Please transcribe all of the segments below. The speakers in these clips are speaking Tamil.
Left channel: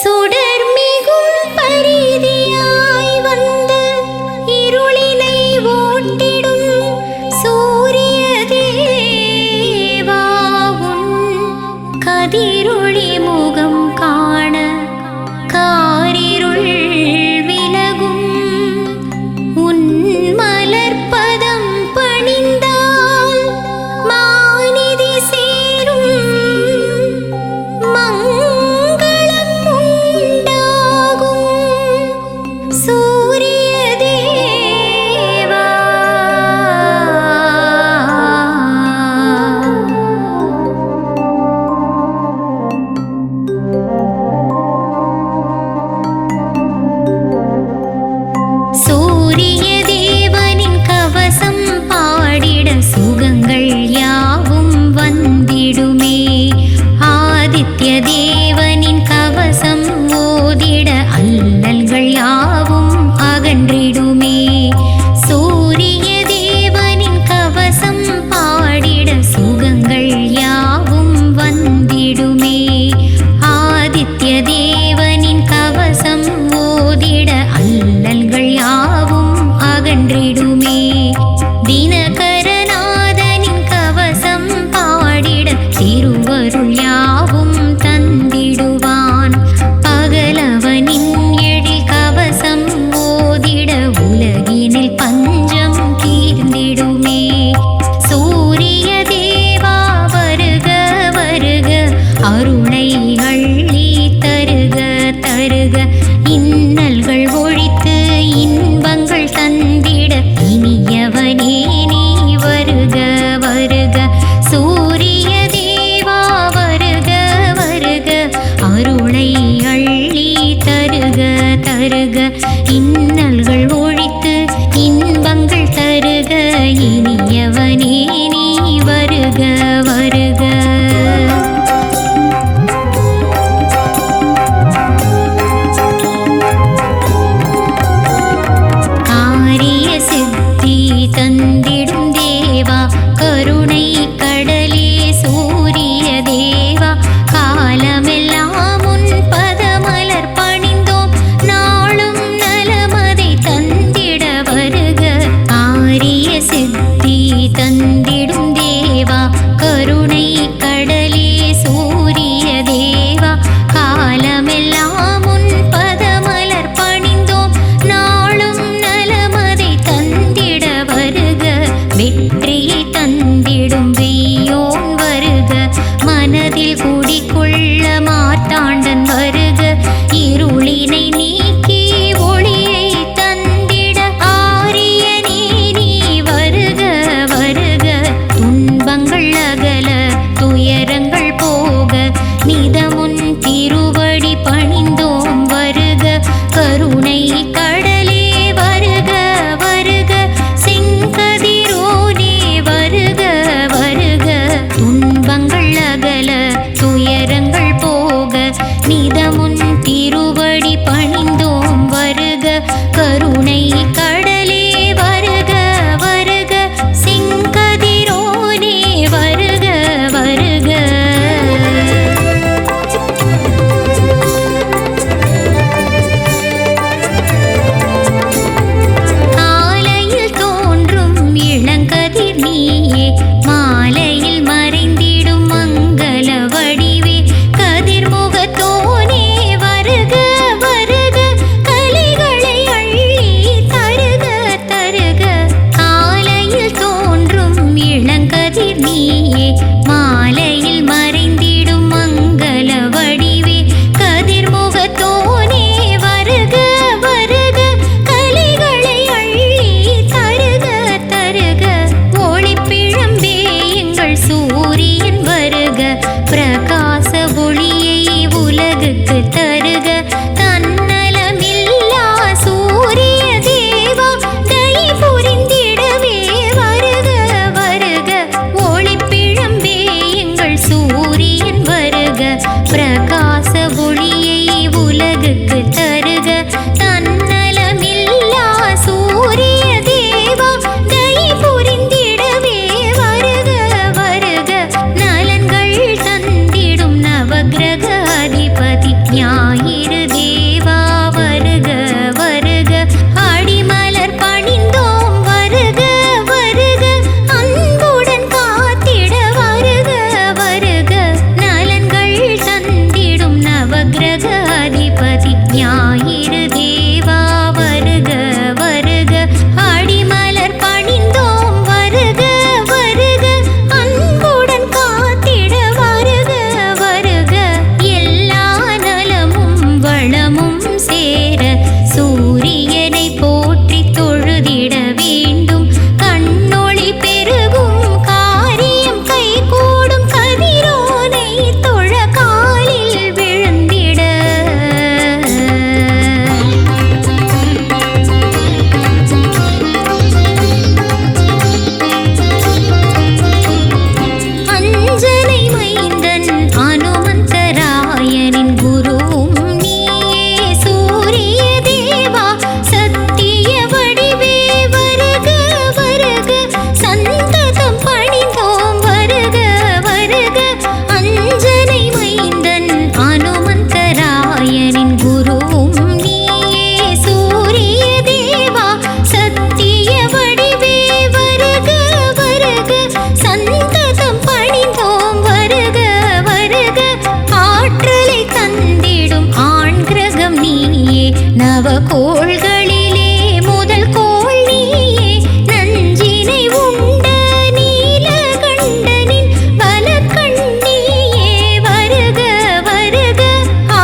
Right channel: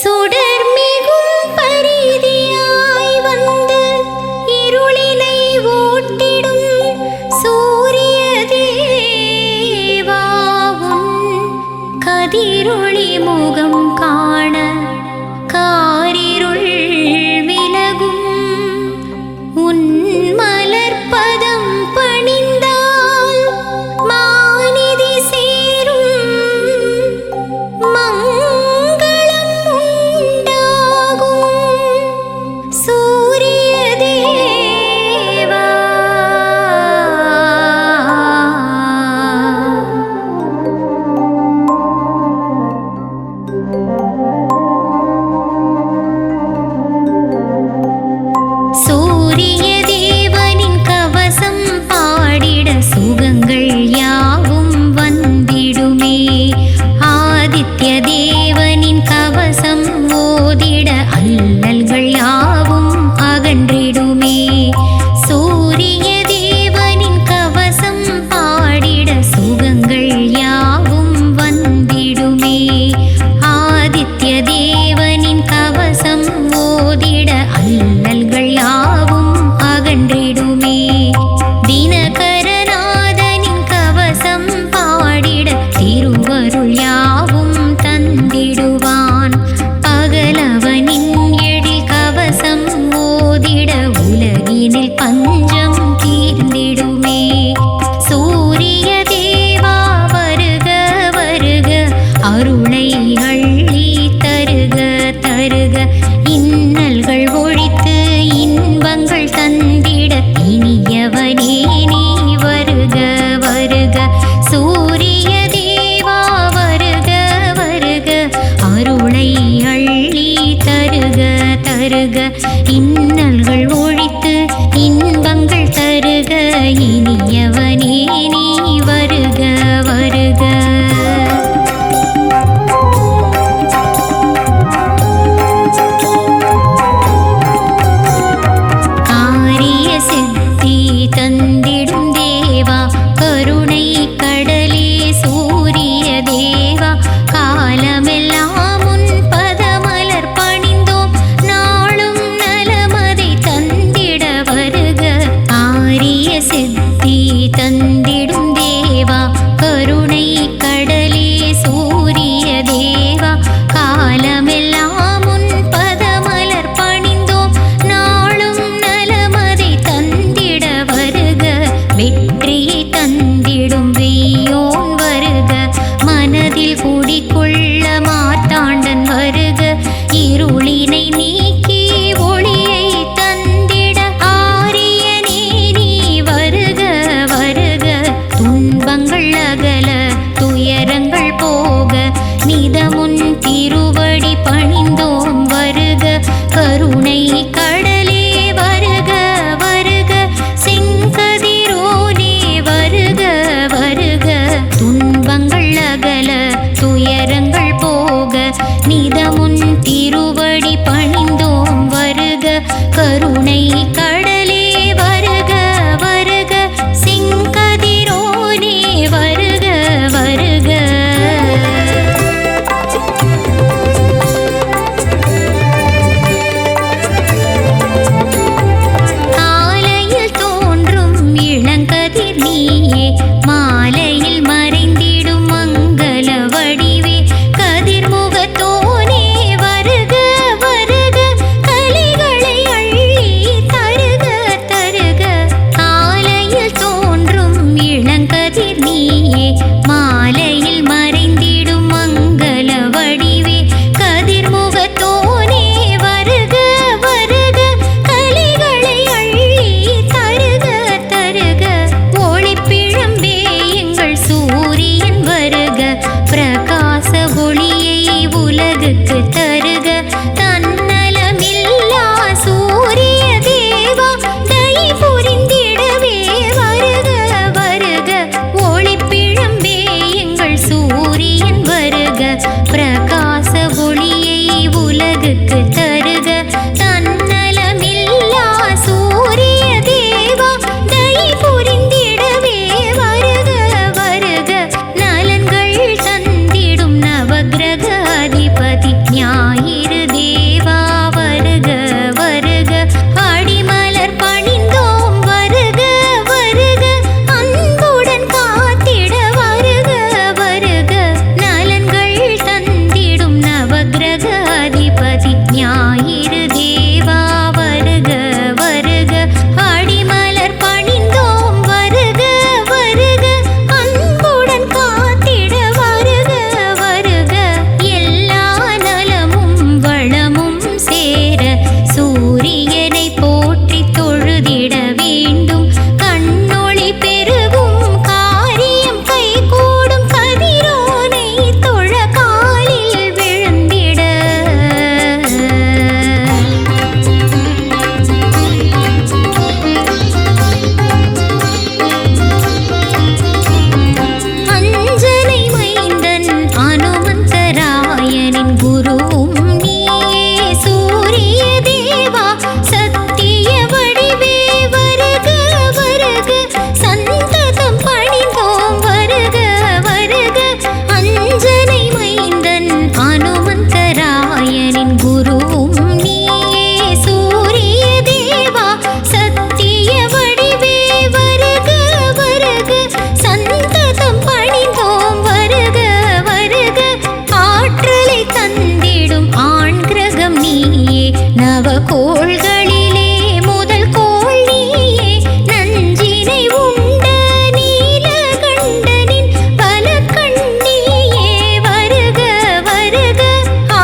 சுடர்மிகும் பரிதியாய் வந்து இருளினை ஓட்டிடும் சூரிய தேவா உன் கதிரொளி முகம் காண காரிருள் விலகும். உன் மலர்பதம் பணிந்தால் மாநிதி சேரும் மங்களம் உண்டாகும் சூரிய தேவா. சூரிய தேவனின் கவசம் பாடிட சுகங்கள் யாவும் வந்திடுமே. ஆதித்ய தேவனின் கவசம் ஓதிட அல்லல்கள் யாவும் அகன்றிடுமே. சூரிய தேவனின் கவசம் பாடிட சுகங்கள் யாவும் வந்திடுமே. ஆதித்ய தேவனின் கவசம் ஓதிட அல்லல்கள் யாவும் அகன்றிடுமே. தினகரநாதனின் கவசம் பாடிட திருவருள் யாவும் தந்திடுவான். பகலவனின் எழில் கவசம் ஓதிட உலகினில் பஞ்சம் தீர்ந்திடுமே. சூரிய தேவா வருக வருக அருளை அள்ளி தருக தருக. இன்னல்கள் ஒழித்து இன்பங்கள் தந்திட இனியவனே நீ வருக வருக. சூரிய தேவா வருக வருக அருளை அள்ளி தருக தருக. இன்னல்கள் ஒழித்து இன்பங்கள் தருக இனியவனே நீ வருக வருக. சித்தி தந்திடும் தேவா கருணை கடலே சூரிய தேவா. காலமெல்லாம் உன் பதமலர் பணிந்தோம் நாளும் நலமதை தந்திட வருக. ஆரிய சித்தி தந்திடும் தேவா கருணை கடலே சூரிய தேவா. காலமெல்லாம் உன் பதமலர் பணிந்தோம் நாளும் நலமதை தந்திட வருக. வெற்றியை தந்திடும் வெய்யோன் வருக. மனதில் குடிகொள்ள மார்த்தாண்டன் வருக. இருளினை நீக்கி ஒளியை தந்திட ஆரியனே நீ வருக வருக. துன்பங்கள் அகல துயரங்கள் போக நிதமுன் திருவடி பணிந்தோம் வருக. கருணை கடலே வருக வருக. செங்கதிரோனே வருக வருக. துன்பங்கள் அகல துயரங்கள் போக நிதமுன் திருவடி பணிந்தோம் வருக. கருணை கடலே வருக வருக. செங்கதிரோனே வருக வருக. இளங்கதிர் நீயே மாலையில் மறைந்திடும் மங்கள வடிவே. கதிர்முகத்தோனே வருக வருக. கலிகளை அள்ளி தருக தருக. காலையில் தோன்றும் இளங்கதிர் நீயே மாலையில் மறைந்திடும் மங்கள வடிவே. கதிர்முகத்தோனே வருக வருக. கலிகளை அள்ளி தருக தருக. ஒளிப்பிழம்பே எங்கள் சூரியன் வருக. பிரகாச ஒளியை உலகுக்கு தருக. தன்னலமில்லா சூரிய தேவா தயை புரிந்திடவே வருக வருக. ஒளிப்பிழம்பே எங்கள் சூரியன் வருக. பிரகாச ஒளியை உலகுக்கு தருக. தன்னலமில்லா சூரிய தேவா தயை புரிந்திடவே வருக வருக. நலன்கள் தந்திடும் நவ நவக்கிரக அதிபதி ஞாயிறு தேவா வருக வருக அடிமலர் பணிந்தோம் வருக வருக அன்புடன் காத்திட வருக வருக நலன்கள் தந்திடும் நவக்கிரக அதிபதி ஞாயிறு தேவா வருக வருக அடிமலர் பணிந்தோம் வருக வருக அன்புடன் காத்திட வருக வருக எல்லா நலமும் வளமும் சேர சூரியனை போற்றி தொழுதிட வேண்டும் கண்ணொளி பெருகும் காரியம் கைகூடும் கதிரோனை தொழ காலில் விழுந்திட அஞ்சனை மைந்தன் அனுமந்தராயனின் குருவும் நீயே சூரிய தேவா சத்திய வடிவே வருக வருக சந்ததம் பணிந்தோம் வருக வருக அஞ்சனை மைந்தன் அனுமந்தராயனின் குருவும் நீயே சூரிய தேவா சத்திய வடிவே வருக வருக சந்ததம் பணிந்தோம் வருக வருக ஆற்றலை தந்திடும் ஆண் கிரகம் நீயே நவகோள்களிலே முதல் கோள் நீயே நஞ்சினை உண்ட நீலகண்டனின் வலக்கண்ணியே வருக வருக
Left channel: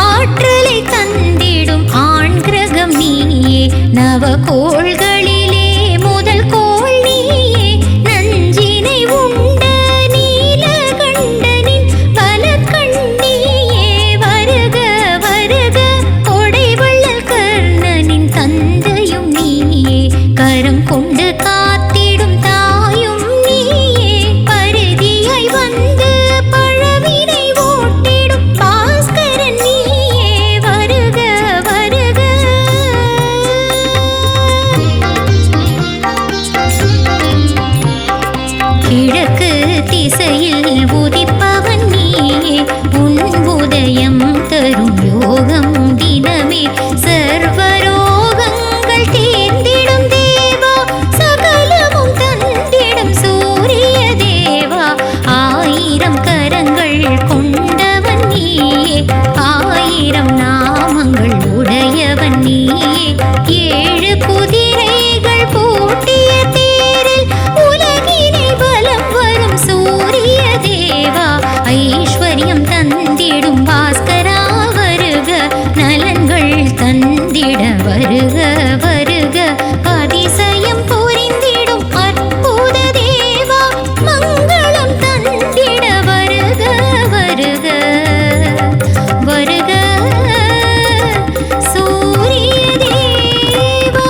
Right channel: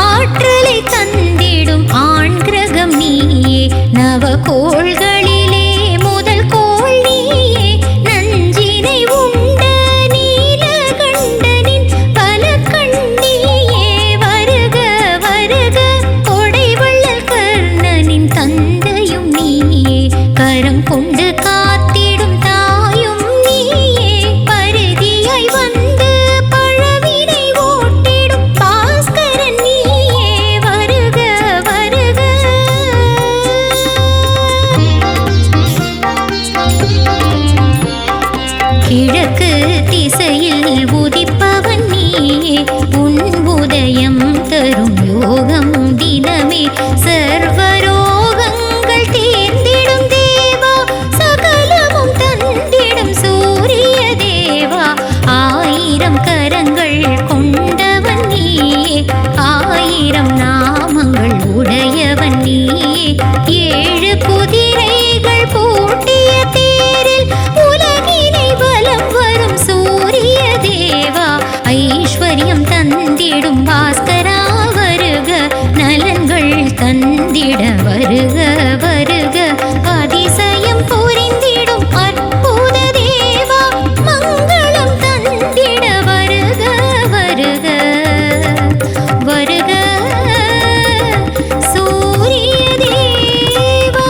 ஆற்றலை தந்திடும் ஆண் கிரகம் நீயே நவகோள்களிலே முதல் கோள் நீயே நஞ்சினை உண்ட நீலகண்டனின் வலக்கண்ணியே வருக வருக கொடைவள்ளல் கர்ணனின் தந்தையும் நீயே கரம் கொண்டு காத்திடும் தாயும் நீயே பரிதியாய் வந்து பழவினை ஓட்டிடும் பாஸ்கரன் நீயே வருக வருக கிழக்கு திசையில் உதிப்பவன் நீயே உன் உதயம் தரும் யோகம் தினமே சர்வரோகங்கள் தீர்ந்திடும் தேவா சகலமும் தந்திடும் சூரிய தேவா ஆயிரம் கரங்கள் கொண்டவன் நீயே ஆயிரம் நாமங்கள் உடையவன் நீயே ஏழு குதிரைகள் பூட்டிய தேரில் உலகினை வலம் வரும் சூரிய தேவா ஐஸ்வர்யம் தந்திடும் பாஸ்கரா வருக நலன்கள் தந்திட வருக வருக அதிசயம் புரிந்திடும் அற்புத தேவா மங்களம் தந்திட வருக வருக வருக சூரிய தேவா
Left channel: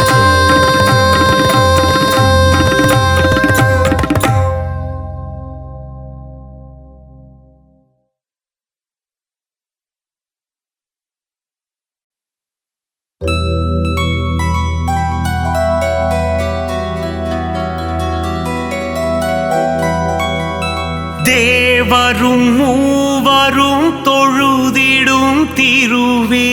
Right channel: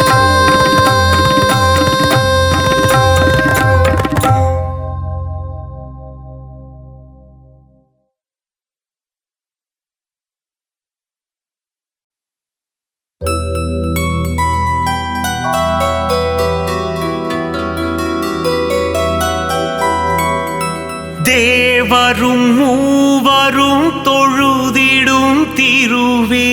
தேவரும் மூவரும் தொழுதிடும் திருவே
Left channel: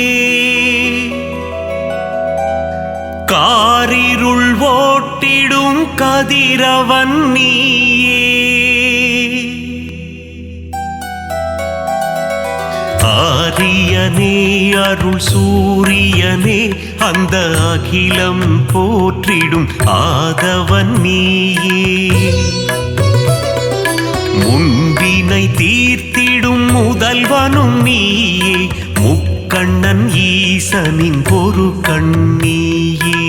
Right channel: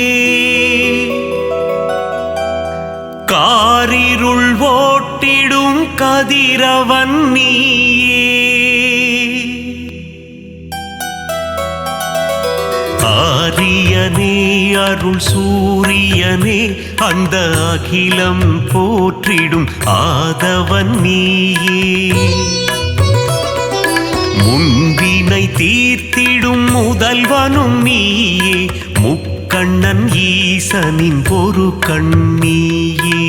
காரிருள் ஓட்டிடும் கதிரவன் நீயே ஆரியனே அருள் சூரியனே அந்த அகிலம் போற்றிடும் ஆதவன் நீயே முன்பினை தீர்த்திடும் முதல்வனும் நீயே முக்கண்ணன் ஈசனின் ஒரு கண்ணீயே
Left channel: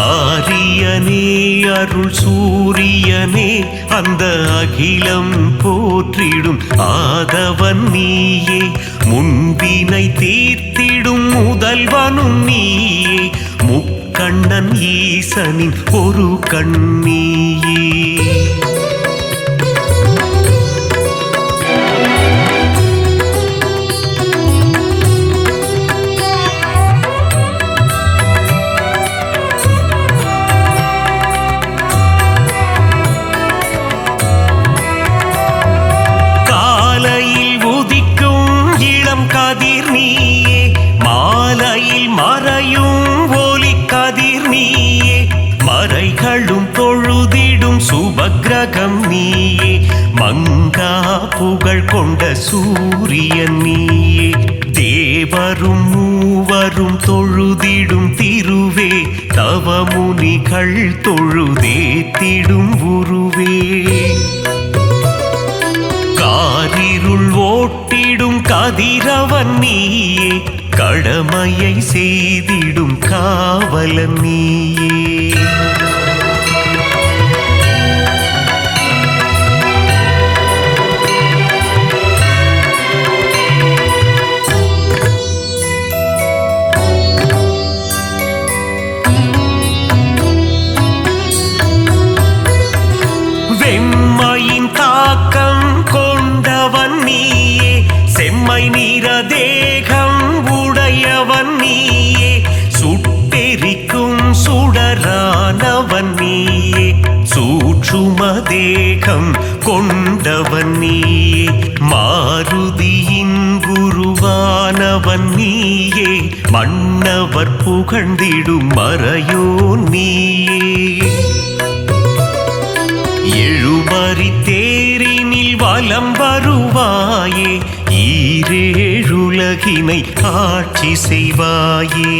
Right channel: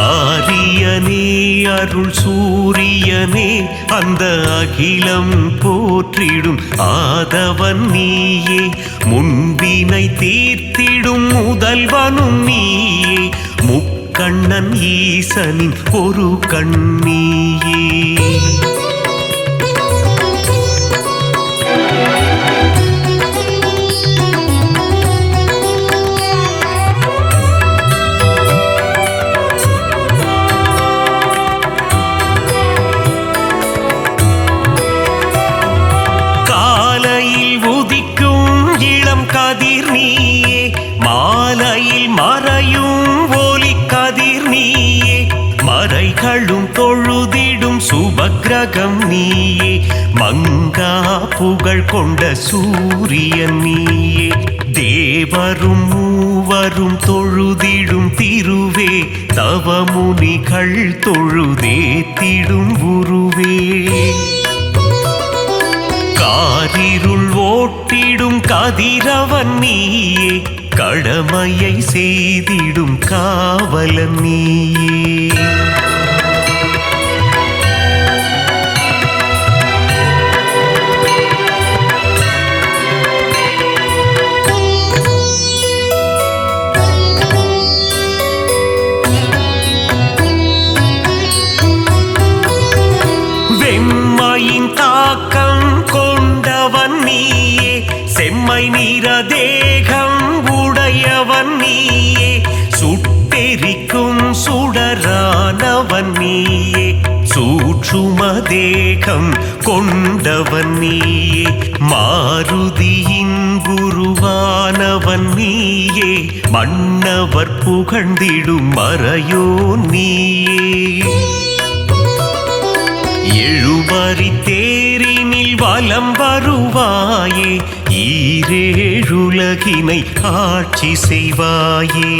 ஆரியனே அருள் சூரியனே அந்த அகிலம் போற்றிடும் ஆதவன் நீயே முன்பினை தீர்த்திடும் முதல்வனும் நீயே முக்கண்ணன் ஈசனின் ஒரு கண்ணீயே காலையில் உதிக்கும் இளம் கதிர் நீயே, மாலையில் மறையும் ஒலி கதிர் நீயே, மறைகளும் தொழுதிடும் சுபக்கிரகம் நீயே, மங்கா புகழ் கொண்ட சூரியன் நீயே, தேவரும் மூவரும் தொழுதிடும் திருவே, தவமுனிகள் தொழுதேத்திடும் உருவே, காரிருள் ஓட்டிடும் கதிரவன் நீயே, கடமையை செய்திடும் காவலன் நீயே. வெம்மையின் தாக்கம் கொண்டவன் நீயே, செம்மை நிற தேகம் உடையவன் நீயே, சுட்டெரிக்கும் சுடரானவன் நீயே, சூட்சும தேகம் கொண்டவன் நீயே, மாருதியின் குருவானவன் நீயே, மன்னவர் புகழ்ந்திடும் மறையோ நீயே, எழுமறி தேரினில் வலம் வருவாயே, ஈரேழுலகினை ஆட்சி செய்வாயே.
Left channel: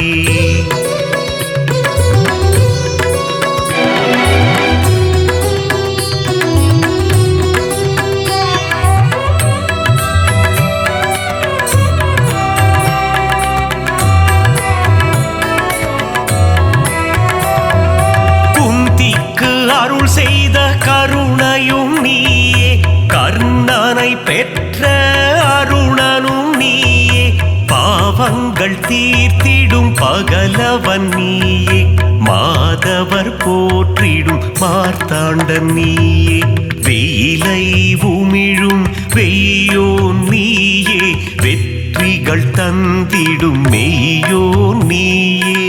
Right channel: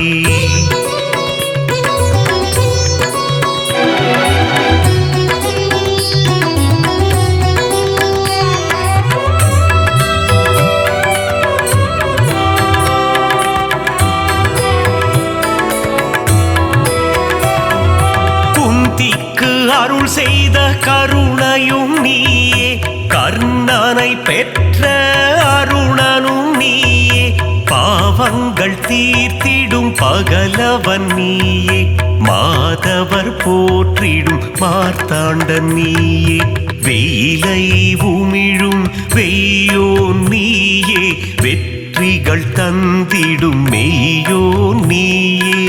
குந்திக்கு அருள் செய்த கருணையும் நீயே, கர்ணனை பெற்ற அருணனும் நீயே, பாவங்கள் தீர்த்திடும் பகலவன் நீயே, மாதவர் போற்றிடும் மார்த்தாண்டன் நீயே, வெயிலை உமிழும் வெய்யோன் நீயே, வெற்றிகள் தந்திடும் மெய்யோன் நீயே,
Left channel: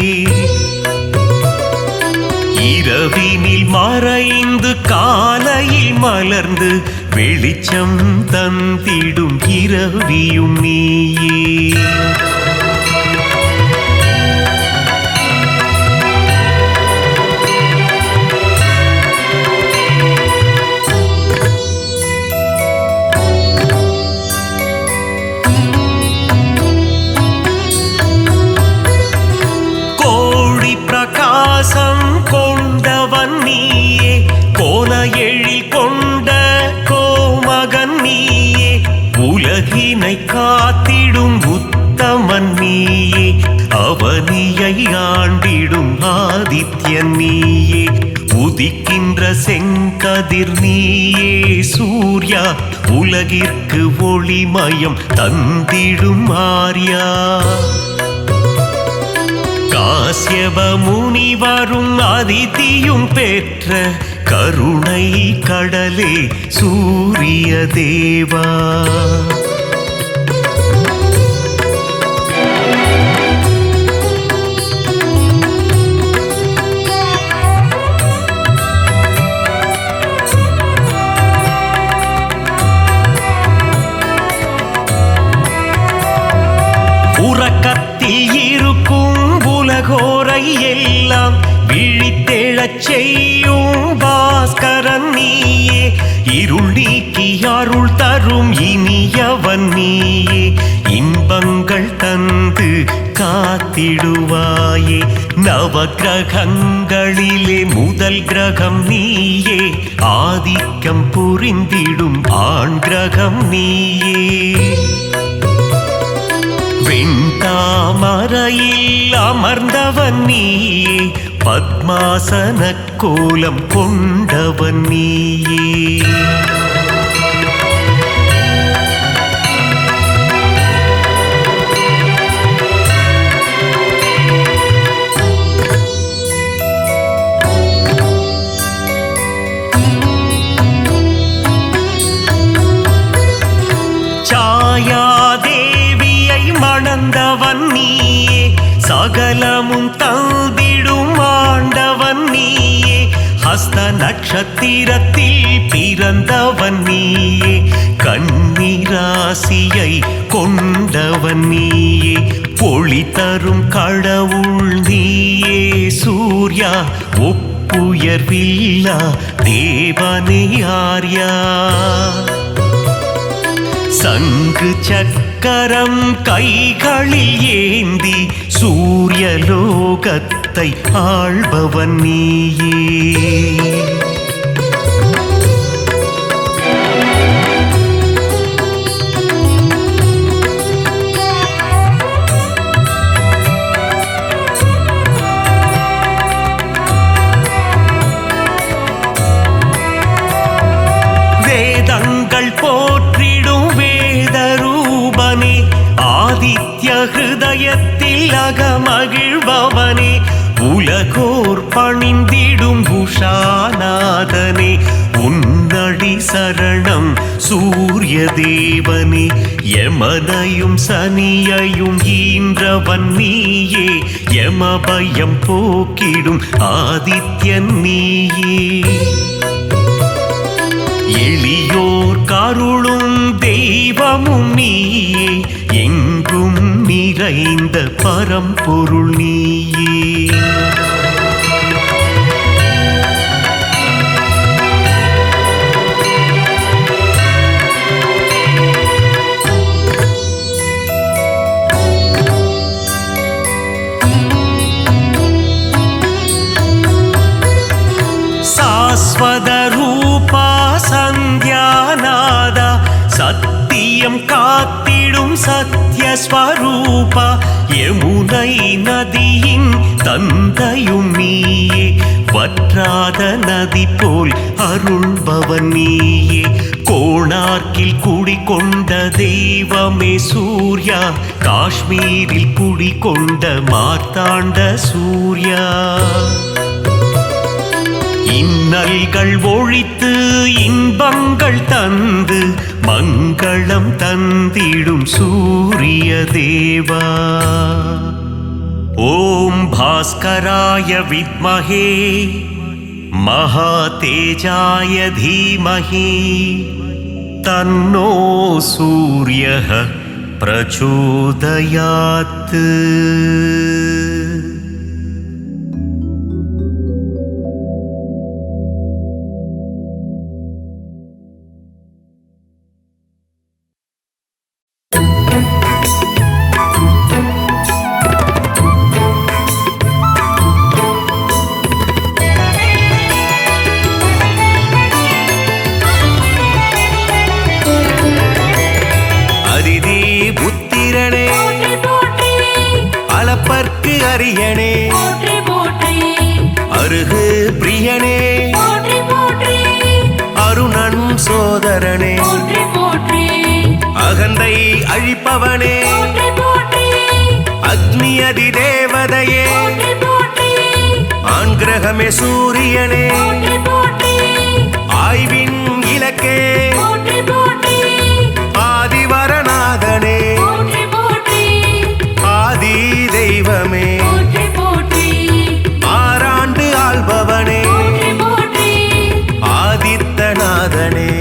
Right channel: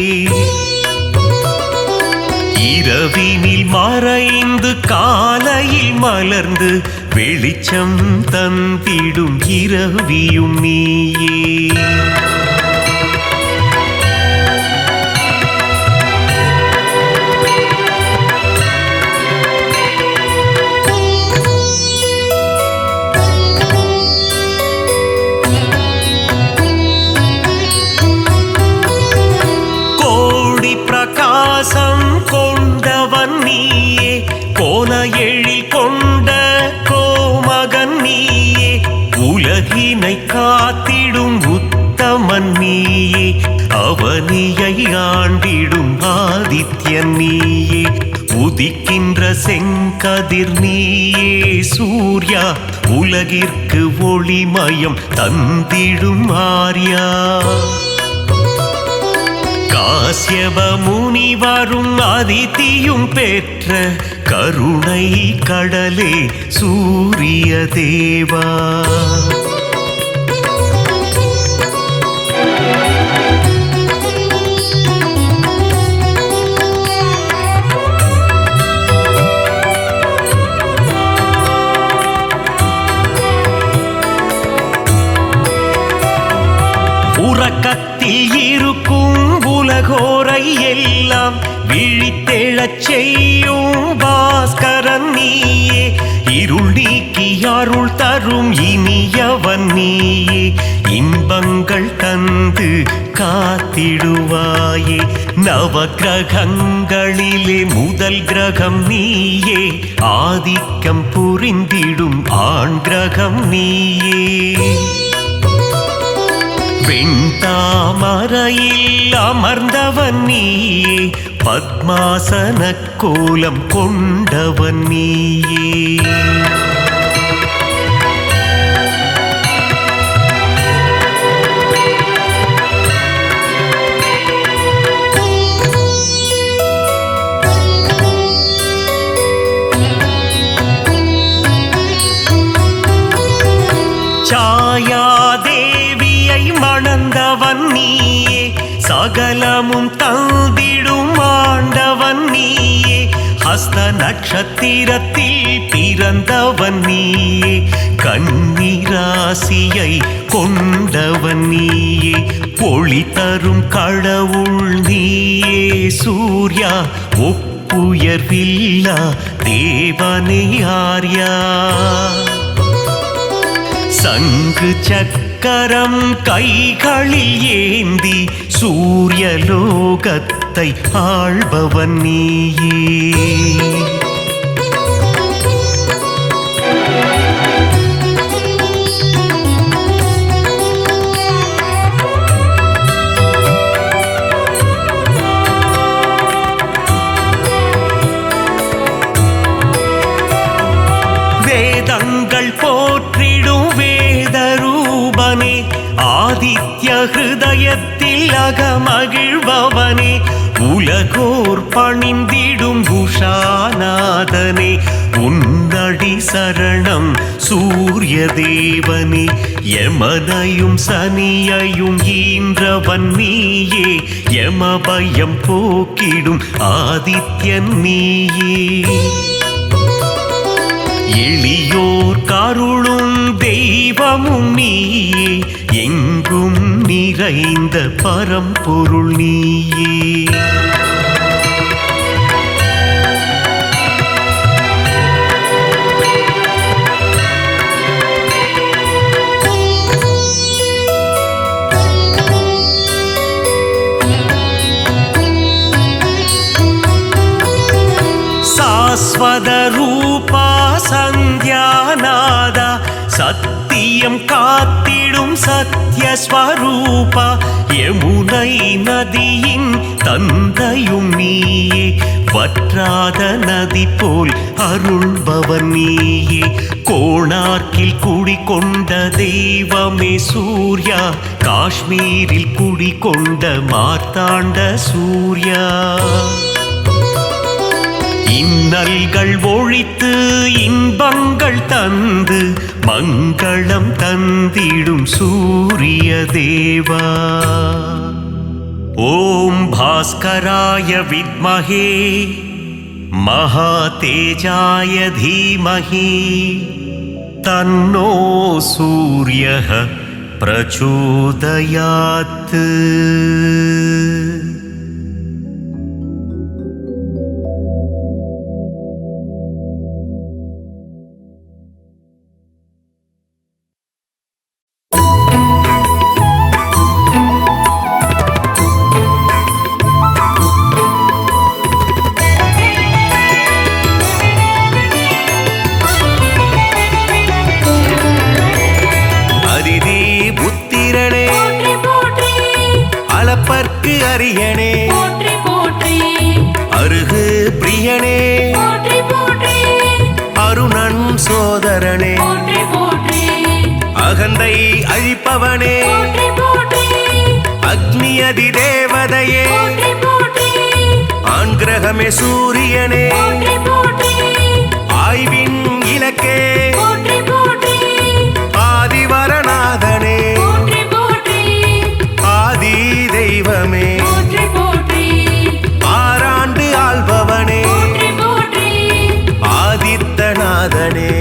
இரவினில் மறைந்து காலையில் மலர்ந்து வெளிச்சம் தந்திடும் இரவியும் நீயே. கோடி பிரகாசம் கொண்டவன் நீயே, கோல எழில் கொண்ட கோமகன் நீயே, உலகினை காத்திடும் உத்தமன் நீயே, அவனியை ஆண்டிடும் ஆதித்யன் நீயே, உதிக்கின்ற செங்கதிர் நீயே சூர்யா, உலகிற்கு ஒளிமயம் தந்திடும் ஆர்யா, காஸ்யப முனிவரும் அதிதியும் பெற்ற கருணை கடலே சூரிய தேவா. உறக்கத்தில் இருக்கும் உலகோரை எல்லாம் விழித்தெழச் செய்யும் பாஸ்கரன் நீயே, இருள் நீக்கி அருள் தரும் இனியவன் நீயே, இன்பங்கள் தந்து காத்திடுவாயே, நவக்கிரகங்களிலே முதல் கிரகம் நீயே, ஆதிக்கம் புரிந்திடும் ஆண் கிரகம் நீயே, வெண்தாமரையில் அமர்ந்தவன் நீயே, பத்மாசன கோலம் கொண்டவன் நீயே. சாயாதேவியை மணந்தவன் நீயே, சகலமும் தந்திடும் ஆண்டவன் நீயே, ஹஸ்த நட்சத்திரத்தில் பிறந்தவன் நீயே, கன்னிராசியை கொண்டவன் நீயே ஒளி தரும் கடவுள் நீயே சூர்யா ஒப்புயர்வில்லா தேவனே ஆர்யா சங்கு சக்கரம் கைகளில் ஏந்தி சூரியலோகத்தை ஆள்பவன் நீயே வேதங்கள் போற்றிடும் வேதரூபனே ஆதித்ய ஹிருதயத்தில் அகமகிழ்பவனே உலகோர் பணிந்திடும் உஷாநாதனே உன்னடி சரணம் சூரிய தேவனே யமனையும் சனியையும் ஈன்றவன் நீயே யமபயம் போக்கிடும் ஆதித்யன் நீயே எளியோர் கருளும் தெய்வமும் நீயே எங்கும் நிறைந்த பரம்பொருள் நீயே சாஸ்வத ரூபா சந்தியாநாதா சத்தியம் காத்திடும் சத்யஸ்வரூபா யமுனை நதியின் தந்தையும் நீயே வற்றாத நதி போல் அருள்பவன் நீயே கோணார்க்கில் குடிகொண்ட தெய்வமே சூர்யா காஷ்மீரில் குடிகொண்ட மார்த்தாண்ட சூர்யா இன்னல்கள் ஒழித்து இன்பங்கள் தந்து மங்களம் தந்திடும் சூரிய தேவா ஓம் பாஸ்கராய வித்மஹே மகாதேஜாய தீமஹி தன்னோ சூரியः பிரச்சோதயாத் புத்திரனே அளப்பற்கு அரியனே அருகு பிரியனே அருணன் சோதரனே அகந்தை அழிப்பவனே அக்னி அதி தேவதையே ஆண் கிரகமே சூரியனே ஆய்வின் இலக்கே ஆதிவரநாதனே ஆதி தெய்வமே ஆறாண்டு ஆள்பவனே ஆதித்தநாதனே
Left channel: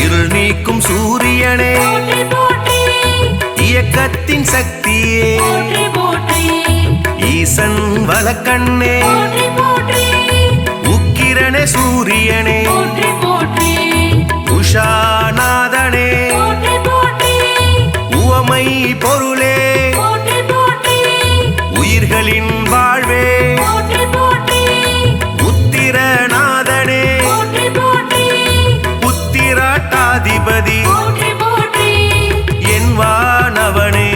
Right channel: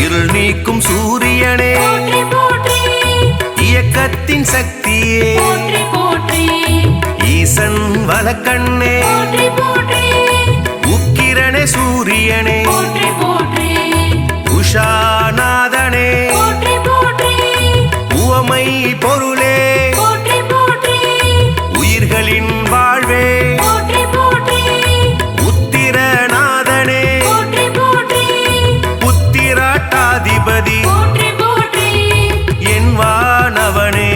இருள் நீக்கும் சூரியனே இயக்கத்தின் சக்தியே ஈசன் வலக்கண்ணே உக்கிரனே சூரியனே உஷாநாதனே உவமை பொருளே உயிர்களின் வாழ்வே உத்திரநாதனே புத்திராட்டாதிபதி என் வானவனே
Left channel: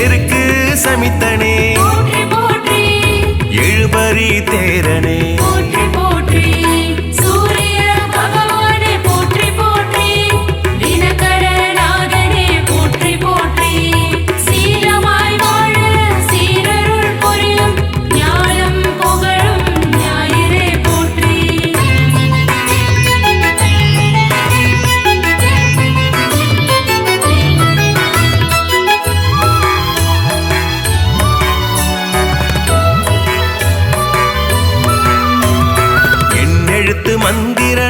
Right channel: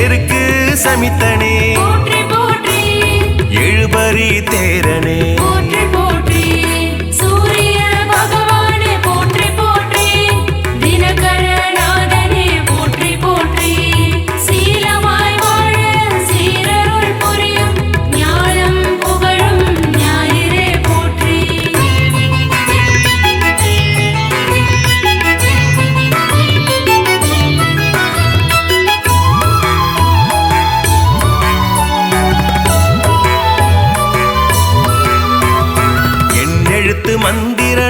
எருக்கு சமித்தனே எழுபறி தேரனே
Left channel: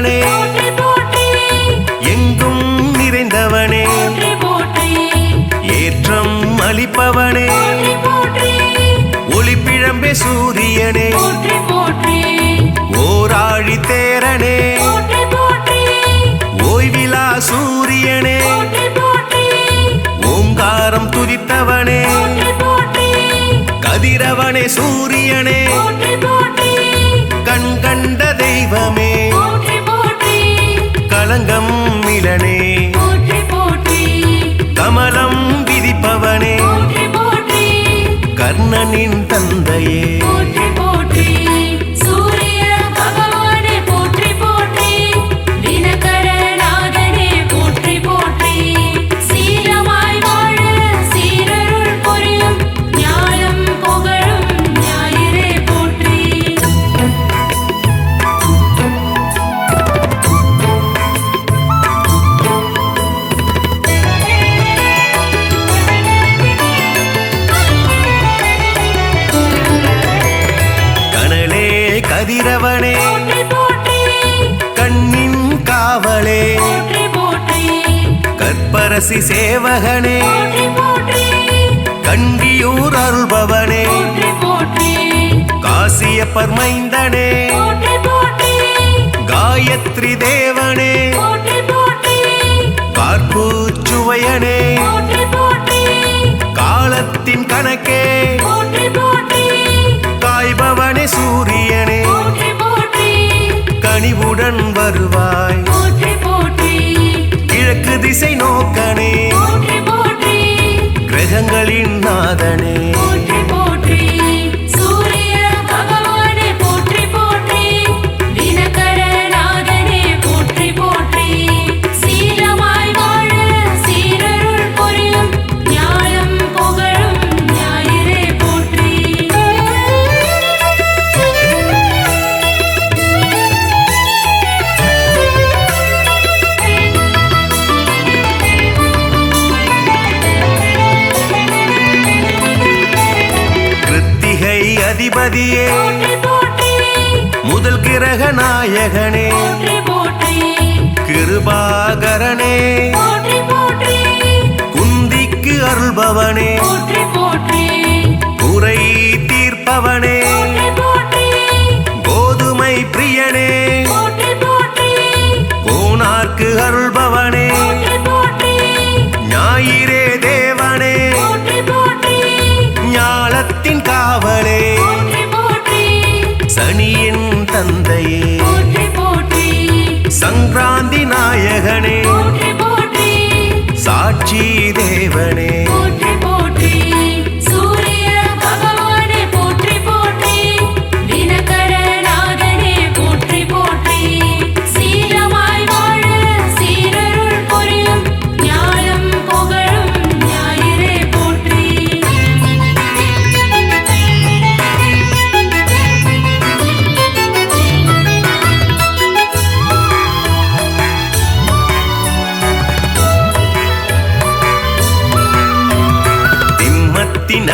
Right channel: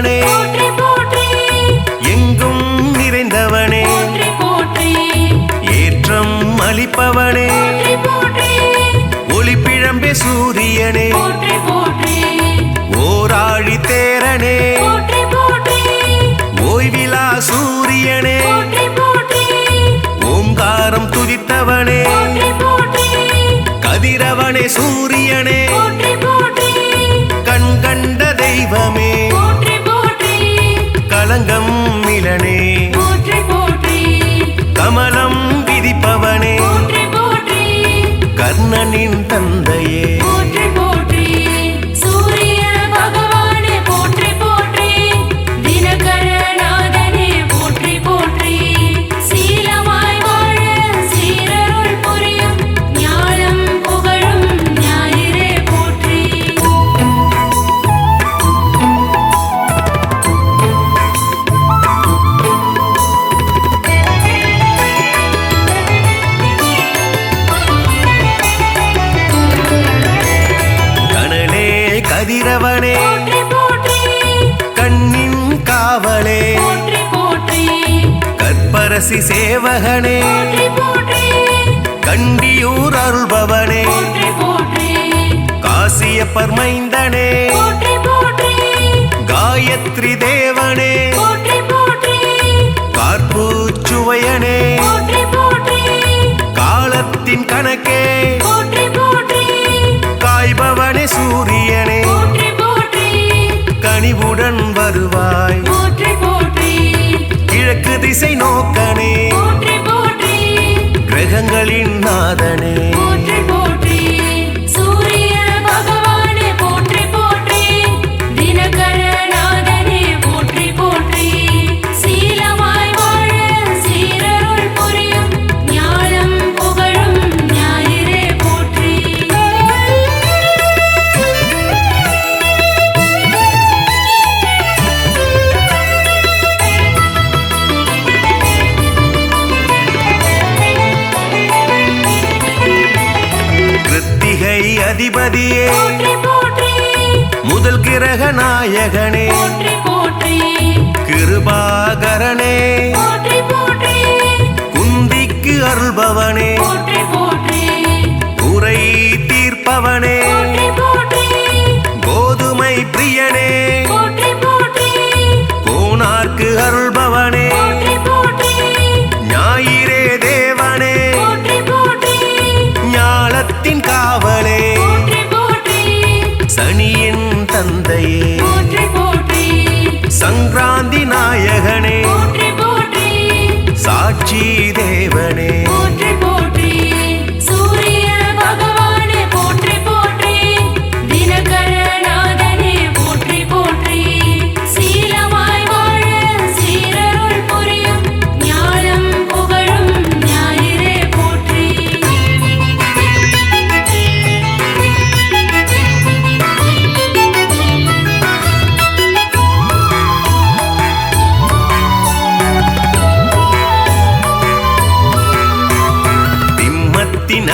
மைந்தனே எங்கும் நிறைந்தவனே ஏற்றம் அளிப்பவனே ஒளிப்பிழம்பே சூரியனே ஓராழி தேரனே ஓய்விலா சூரியனே ஓங்காரம் துதித்தவனே கதிரவனே சூரியனே கண் கண்ட தெய்வமே களங்கம் மிலனே கமலம் விதிப்பவனே கர்ணனின் தந்தையே கதிரவனே கண்ணின் காவலே கற்பரசி சேவகனே கண்டியூர் அருள்பவனே காசியப்பர் மைந்தனே காயத்ரி தேவனே கார்பூச்சுவையனே காலத்தின் கணக்கே காய்பவனே சூரியனே கனிவுடன் வருவாய் கிழக்கு திசை நோக்கனே கிரகங்களின் நாதனே கிருத்திகை அதிபதியே முதல் கிரக நாயகனே கிருபாகரனே குந்திக்கு அருள்பவனே குறை தீர்ப்பவனே கோதுமை பிரியனே கோனார்க்கு அருள்பவனே ஞாயிறே தேவனே ஞாலத்தின் காவலே சனியின் தந்தையே சங்கராந்தி நாயகனே சாட்சி தேவனே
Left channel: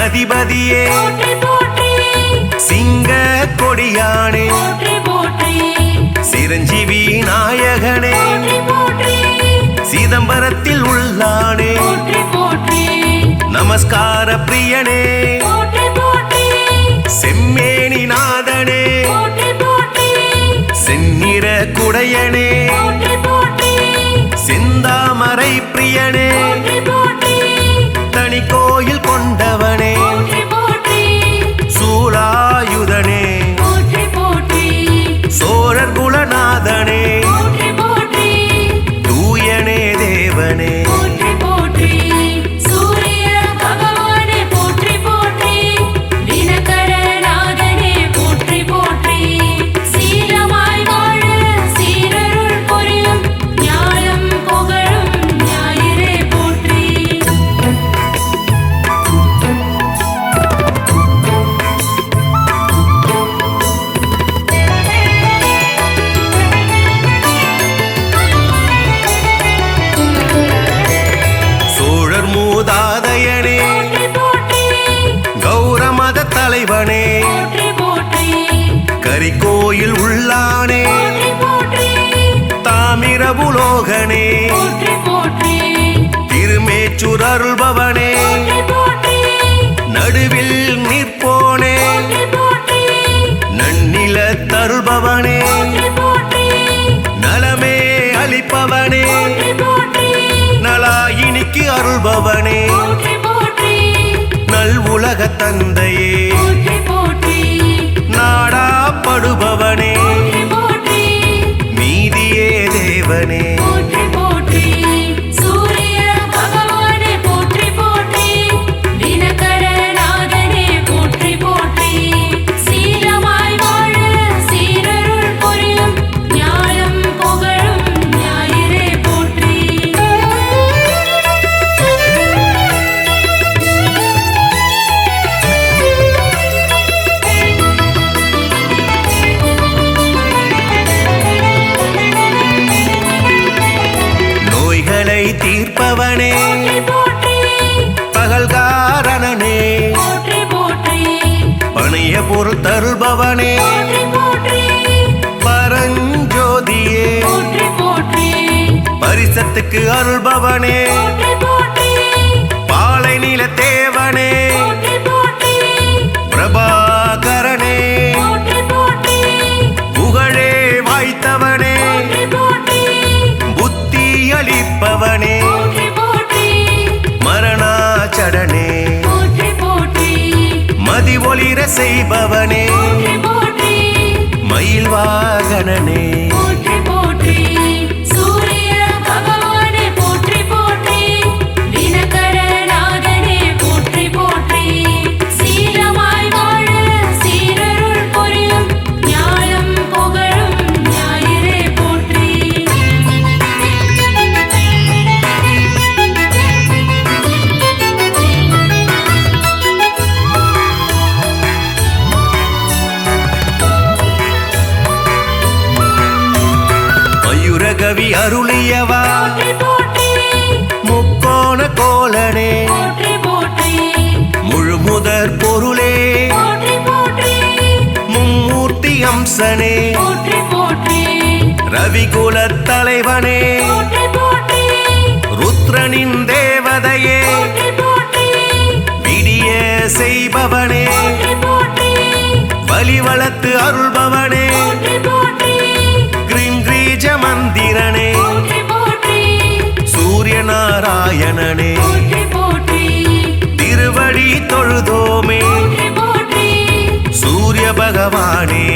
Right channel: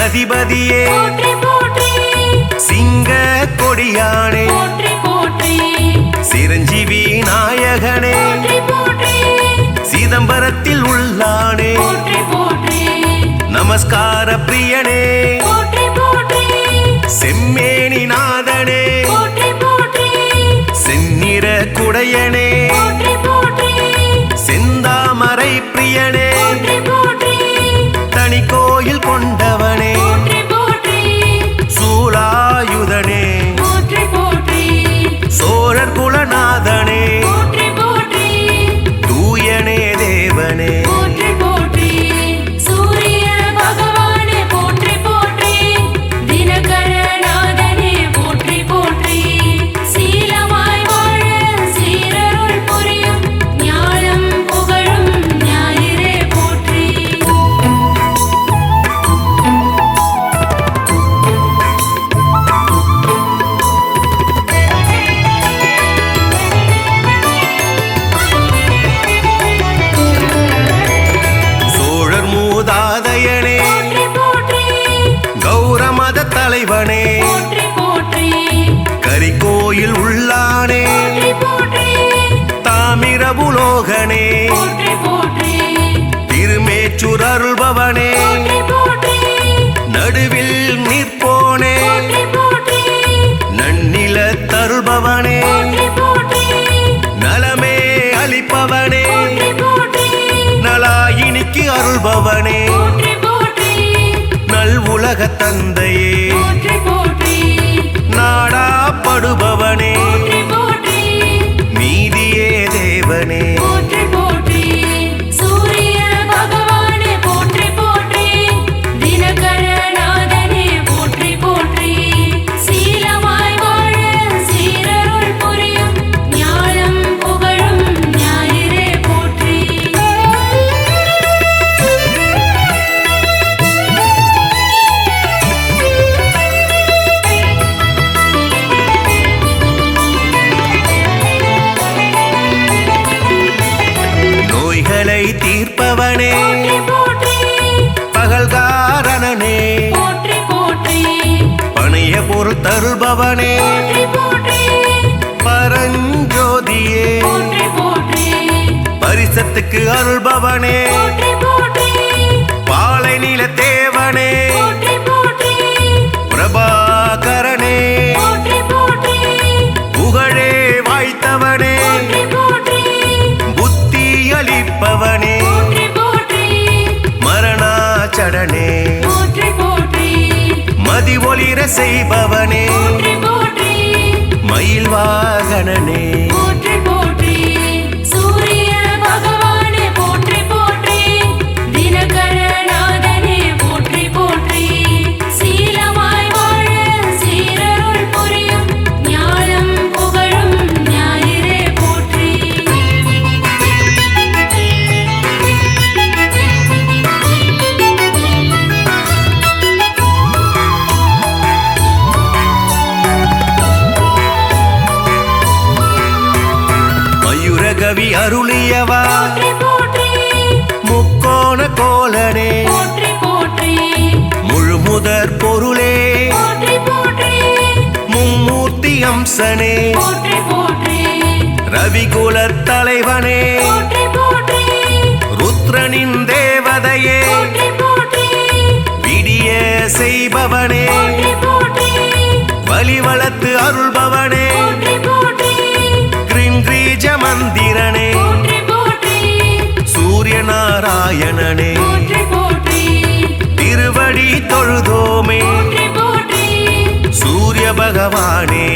அதிபதியே சிங்க கொடியானே சிரஞ்சீவி நாயகனே சிதம்பரத்தில் உள்ளானே நமஸ்கார பிரியனே செம்மேனி நாதனே செந்நிற குடையனே செந்தாமரை பிரியனே தனி கோயில் கொண்டவனே சூலாயுதனே சோழர் குலநாதனே தூயனே தேவனே மூதாதையனே கௌரமத தலைவனே கரிகோயில் உள்ளானே பிரபுலோகனே திருமேச்சூர் அருள்பவனே நடுவில் நிற்போனே நன்னில தருள்பவனே நலமே அளிப்பவனே நலாயினிக்கு அருள்பவனே நல் உலக தந்தையே நாடாப்படுபவனே நீதியே தேவனே நோய்களை தீர்ப்பவனே பகல்காரணனே பணிய பொருள் தருள்பவனே பரஞ்சோதியே பரிசத்துக்கு அருள்பவனே பாலை நில தேவனே பிரபாகரனே புகழே வாய்த்தவனே புத்தி அளிப்பவனே மரணாச்சடனே மதி ஒளிர செய்பவனே மயில் வாகனனே மயூரகவி அருளியவா முக்கோண கோலனே முழுமுதற் பொருளே மும்மூர்த்தி அம்சனே ரவிகுலத் தலைவனே ருத்ரனின் தேவதையே விடிய செய்பவனே வலிவளத்து அருள்பவனே கிரீஜ மந்திரனே சூரிய நாராயணனே திருவடி தொழுதோமே சூரிய பகவானே